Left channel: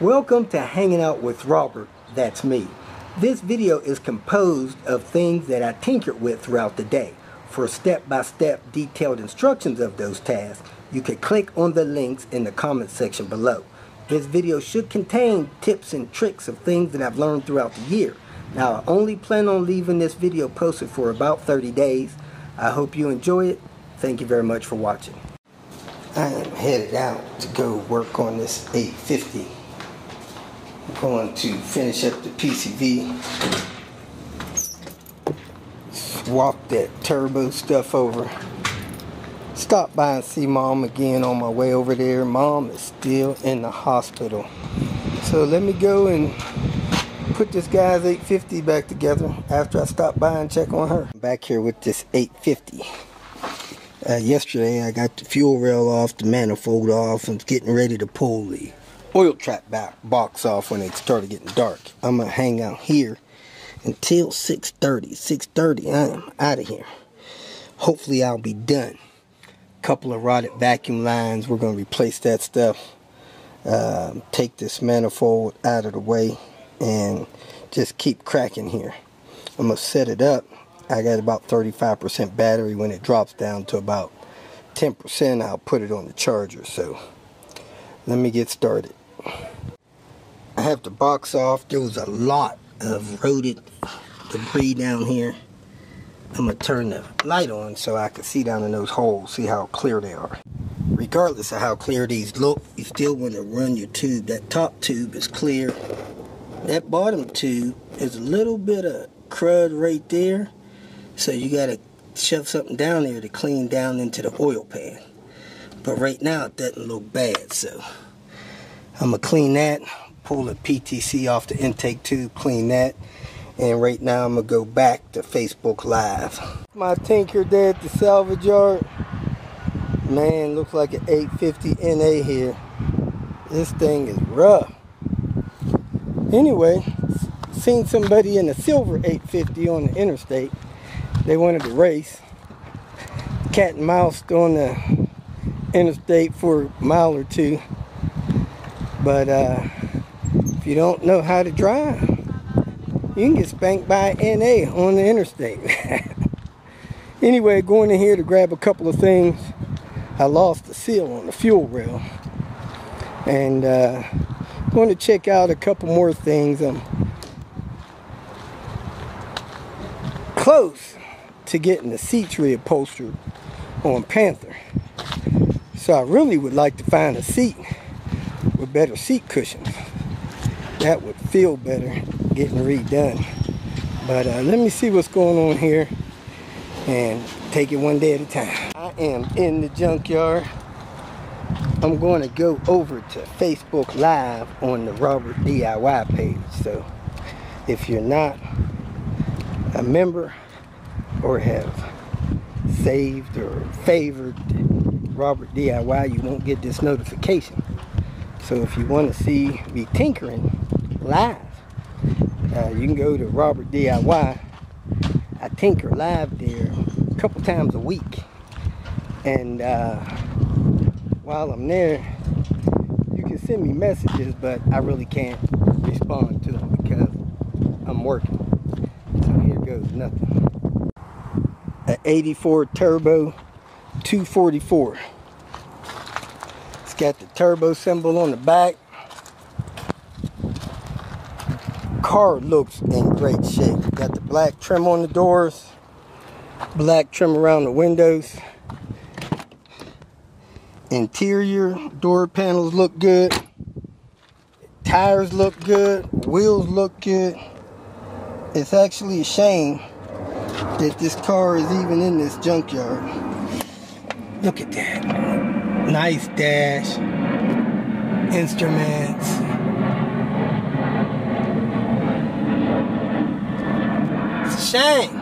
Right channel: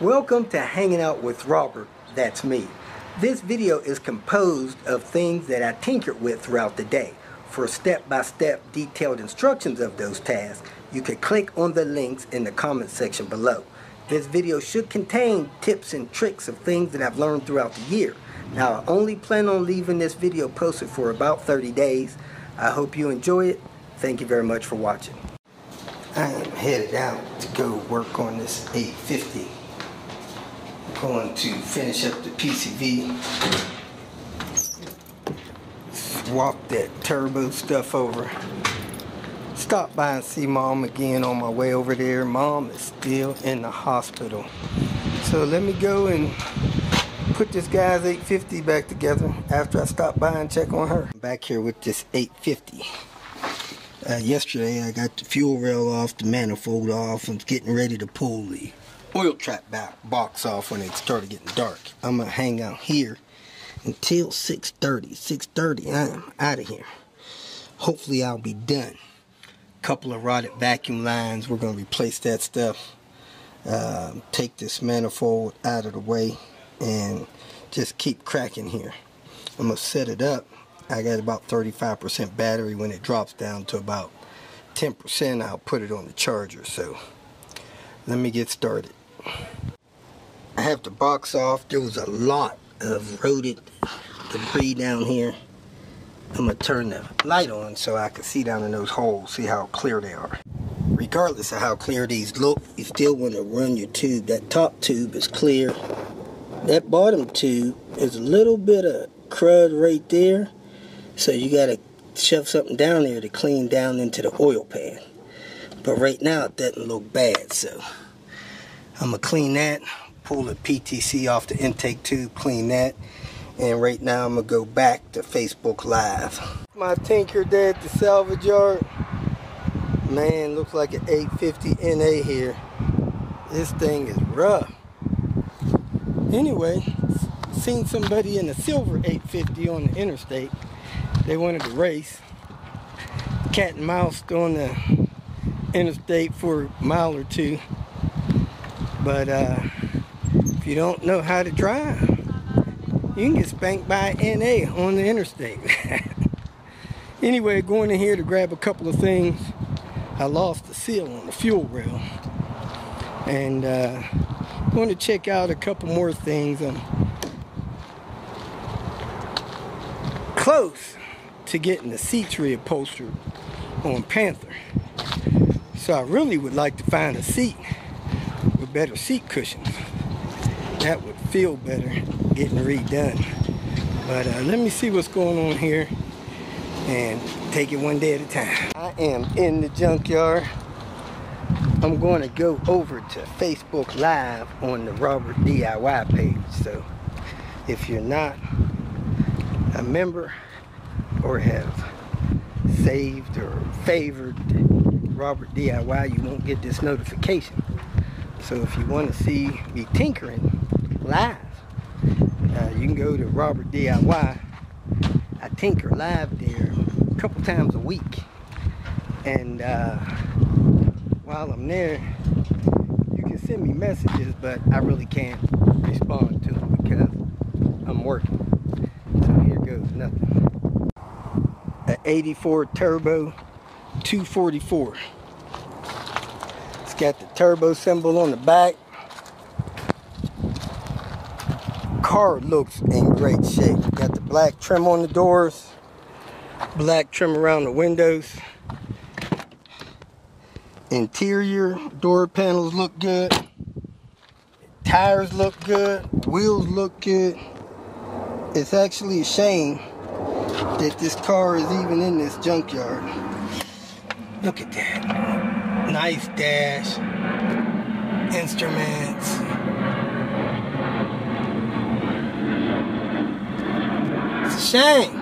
Welcome to Hanging Out with Robert, that's me. This video is composed of things that I tinkered with throughout the day. For step-by-step detailed instructions of those tasks, you can click on the links in the comment section below. This video should contain tips and tricks of things that I've learned throughout the year. Now, I only plan on leaving this video posted for about 30 days. I hope you enjoy it. Thank you very much for watching. I am headed out to go work on this 850. I'm going to finish up the PCV. Swap that turbo stuff over. Stop by and see Mom again on my way over there. Mom is still in the hospital. So let me go and put this guy's 850 back together after I stop by and check on her. I'm back here with this 850. Yesterday I got the fuel rail off, the manifold off. I'm getting ready to pull the oil trap box off when it started getting dark. I'm going to hang out here until 6:30. 6:30 I am out of here. Hopefully I'll be done. Couple of rotted vacuum lines. We're going to replace that stuff. Take this manifold out of the way and just keep cracking here. I'm going to set it up. I got about 35% battery. When it drops down to about 10%, I'll put it on the charger. So let me get started. I have the box off. There was a lot of rotted debris down here. I'm going to turn the light on so I can see down in those holes, see how clear they are. Regardless of how clear these look, you still want to run your tube. That top tube is clear. That bottom tube is a little bit of crud right there. So you got to shove something down there to clean down into the oil pan. But right now it doesn't look bad, so I'm going to clean that, pull the PTC off the intake tube, clean that, and right now I'm going to go back to Facebook Live. My tinker there at the salvage yard. Man, looks like an 850 NA here. This thing is rough. Anyway, seen somebody in a silver 850 on the interstate. They wanted to race. Cat and mouse on the interstate for a mile or two. But if you don't know how to drive, you can get spanked by an NA on the interstate. Anyway, going in here to grab a couple of things. I lost the seal on the fuel rail. And going to check out a couple more things. I'm close to getting the seats reupholstered on Panther. So I really would like to find a seat with better seat cushions. That would feel better getting redone. But let me see what's going on here and take it one day at a time. I am in the junkyard. I'm going to go over to Facebook Live on the Robert DIY page. So if you're not a member or have saved or favored Robert DIY, you won't get this notification. So if you want to see me tinkering live, you can go to Robert DIY. I tinker live there a couple times a week. And while I'm there, you can send me messages, but I really can't respond to them because I'm working. So here goes nothing. An 84 turbo 244. It's got the turbo symbol on the back. Car looks in great shape. Got the black trim on the doors, black trim around the windows. Interior door panels look good. Tires look good. Wheels look good. It's actually a shame that this car is even in this junkyard. Look at that. Nice dash. Instruments. It's a shame.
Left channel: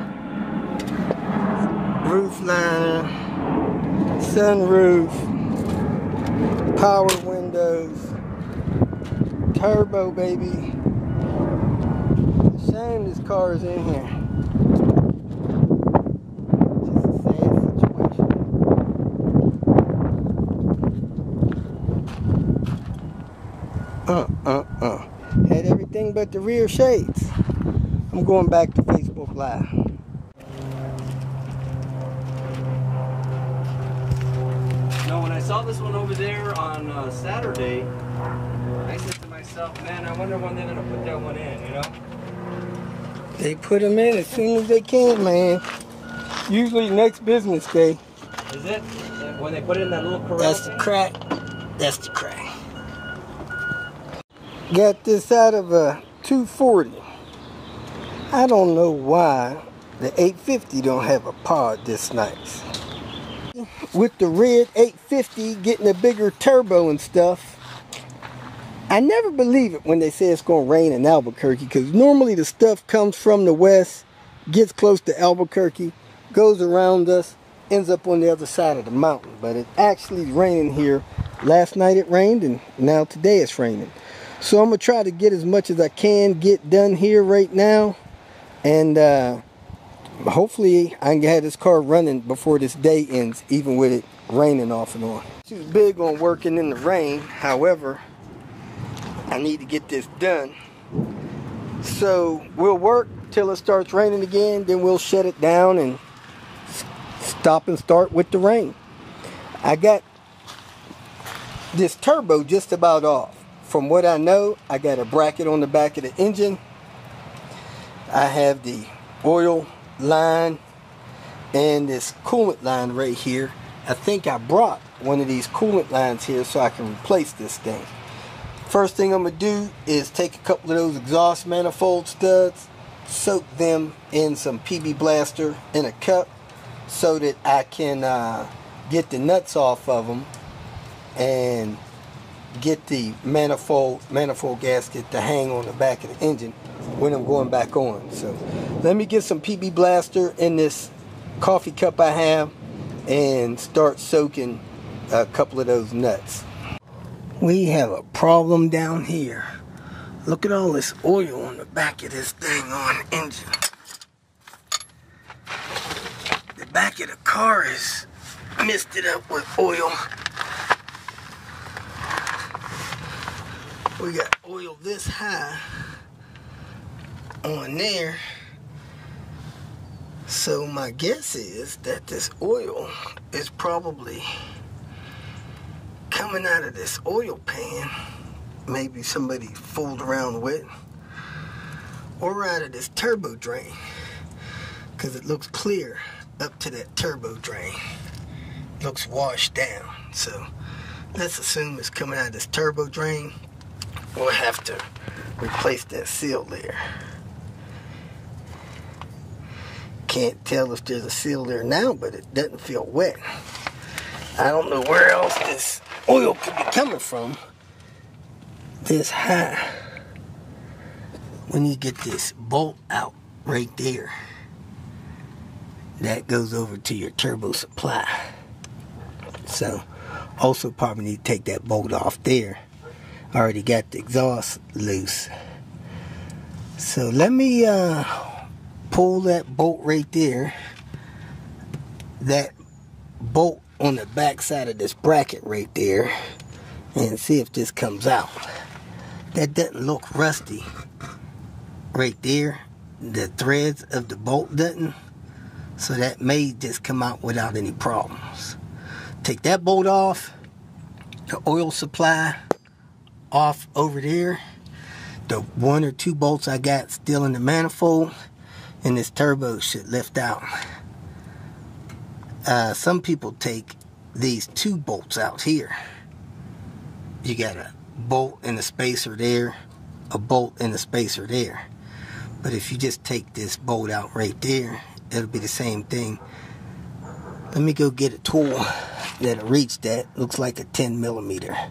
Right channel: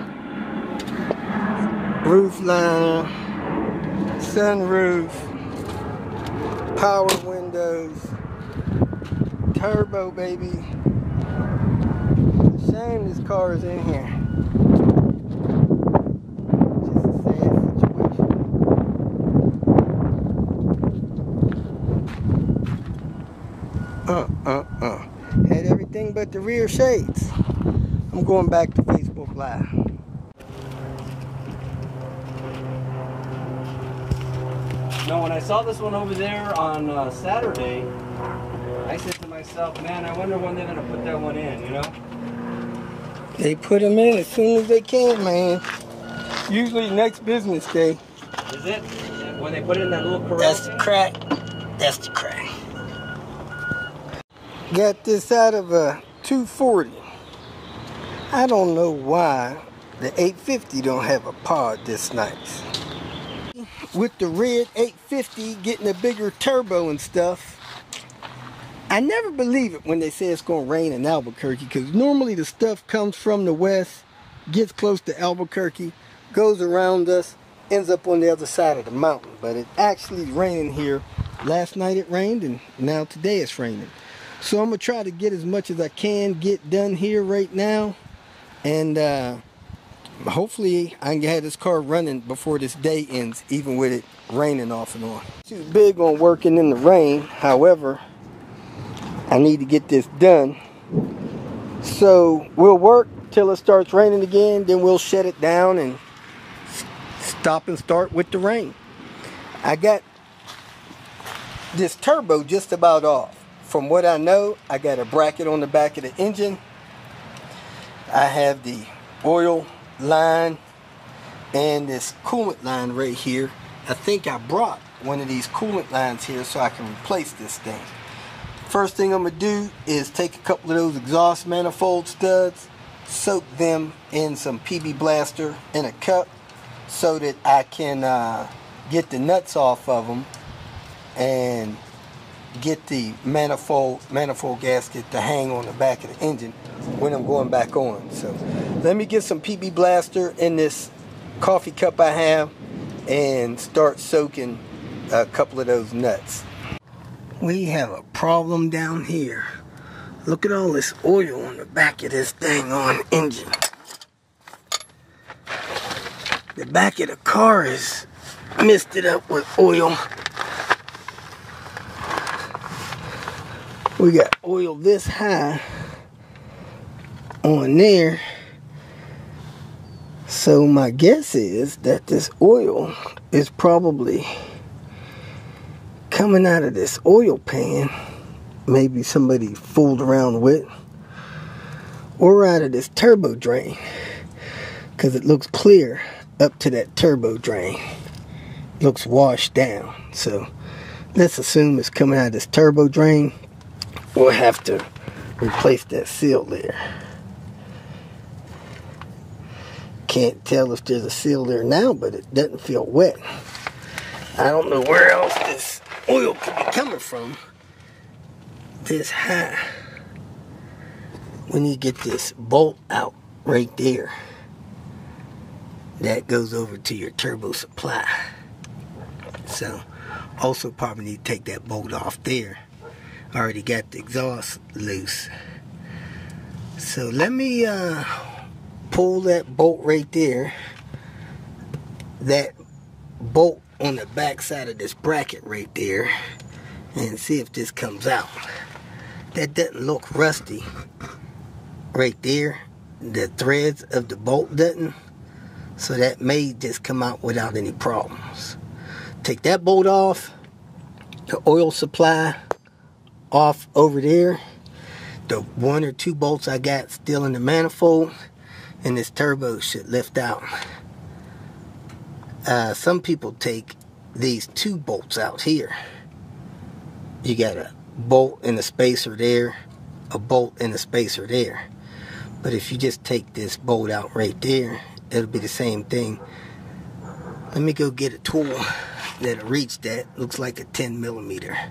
Roof liner. Sunroof. Power windows. Turbo, baby. It's a shame this car is in here. Had everything but the rear shades. I'm going back to Facebook Live. No, when I saw this one over there on Saturday, I said to myself, man, I wonder when they're going to put that one in, you know? They put them in as soon as they can, man. Usually next business day. Is it? When they put it in that little corral? That's the crack. That's the crack. Got this out of a 240. I don't know why the 850 don't have a pod this nice. With the red 850 getting a bigger turbo and stuff, I never believe it when they say it's going to rain in Albuquerque, because normally the stuff comes from the west, gets close to Albuquerque, goes around us, ends up on the other side of the mountain. But it actually rained here. Last night it rained, and now today it's raining. So I'm going to try to get as much as I can get done here right now. And hopefully I can have this car running before this day ends, even with it raining off and on. Too big on working in the rain. However, I need to get this done. So we'll work till it starts raining again. Then we'll shut it down and stop and start with the rain. I got this turbo just about off. From what I know, I got a bracket on the back of the engine. I have the oil line and this coolant line right here. I think I brought one of these coolant lines here so I can replace this thing. First thing I'm going to do is take a couple of those exhaust manifold studs, soak them in some PB Blaster in a cup so that I can get the nuts off of them and get the manifold gasket to hang on the back of the engine when I'm going back on. So let me get some PB Blaster in this coffee cup I have and start soaking a couple of those nuts. We have a problem down here. Look at all this oil on the back of this dang on engine. The back of the car is misted up with oil. We got oil this high on there. So my guess is that this oil is probably coming out of this oil pan. Maybe somebody fooled around with. Or out of this turbo drain. Because it looks clear up to that turbo drain. Looks washed down. So let's assume it's coming out of this turbo drain. We'll have to replace that seal there. Can't tell if there's a seal there now, but it doesn't feel wet. I don't know where else this oil could be coming from this high. When you get this bolt out right there, that goes over to your turbo supply. So also probably need to take that bolt off there. I already got the exhaust loose. So let me pull that bolt right there. That bolt on the back side of this bracket right there. And see if this comes out. That doesn't look rusty. Right there. The threads of the bolt doesn't. So that may just come out without any problems. Take that bolt off. The oil supply off over there. The 1 or 2 bolts I got still in the manifold, and this turbo should lift out. Some people take these 2 bolts out here. You got a bolt in the spacer there, a bolt in the spacer there. But if you just take this bolt out right there, it'll be the same thing. Let me go get a tool that'll reach that. Looks like a 10mm.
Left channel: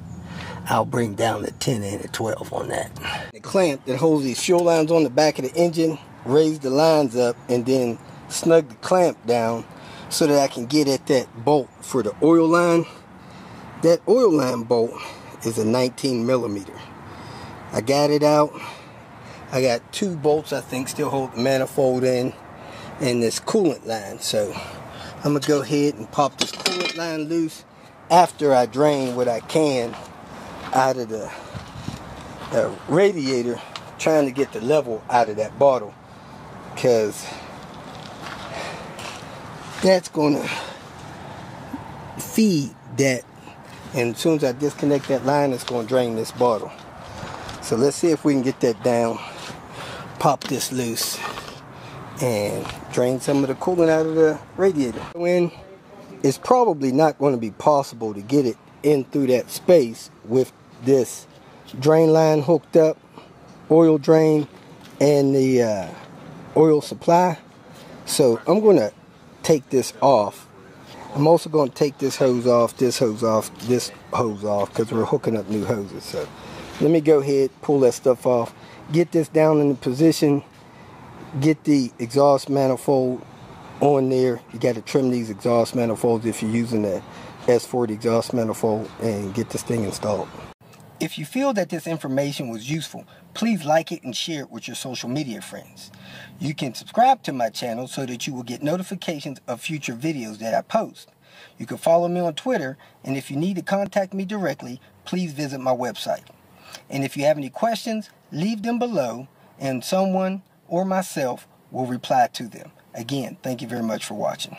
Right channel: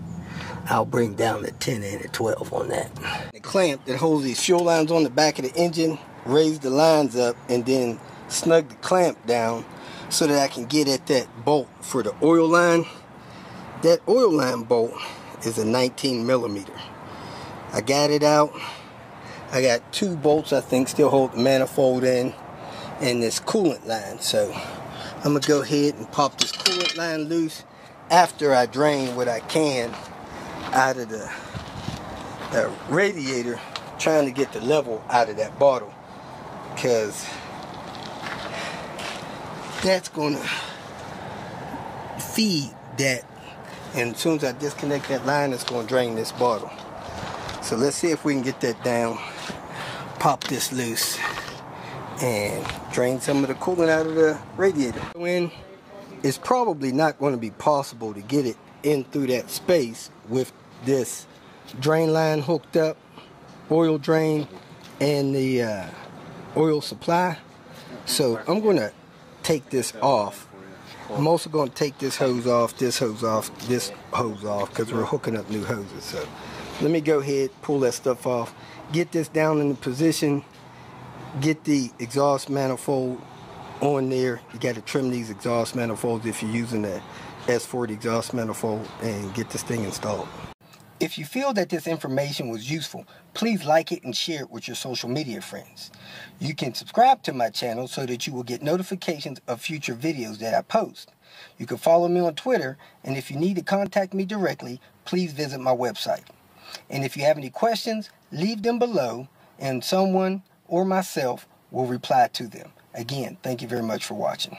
I'll bring down the 10 and the 12 on that. The clamp that holds these fuel lines on the back of the engine, raise the lines up and then snug the clamp down so that I can get at that bolt for the oil line. That oil line bolt is a 19mm. I got it out. I got 2 bolts I think still hold the manifold in and this coolant line. So I'm going to go ahead and pop this coolant line loose after I drain what I can out of the radiator, trying to get the level out of that bottle, because that's going to feed that, and as soon as I disconnect that line, it's going to drain this bottle. So let's see if we can get that down, pop this loose, and drain some of the coolant out of the radiator. When it's probably not going to be possible to get it in through that space with this drain line hooked up, oil drain, and the oil supply. So I'm going to take this off. I'm also going to take this hose off, this hose off, this hose off, because we're hooking up new hoses. So let me go ahead, pull that stuff off, get this down in the position, get the exhaust manifold on there. You got to trim these exhaust manifolds if you're using the S40 exhaust manifold, and get this thing installed. If you feel that this information was useful, please like it and share it with your social media friends. You can subscribe to my channel so that you will get notifications of future videos that I post. You can follow me on Twitter, and if you need to contact me directly, please visit my website. And if you have any questions, leave them below, and someone or myself will reply to them. Again, thank you very much for watching.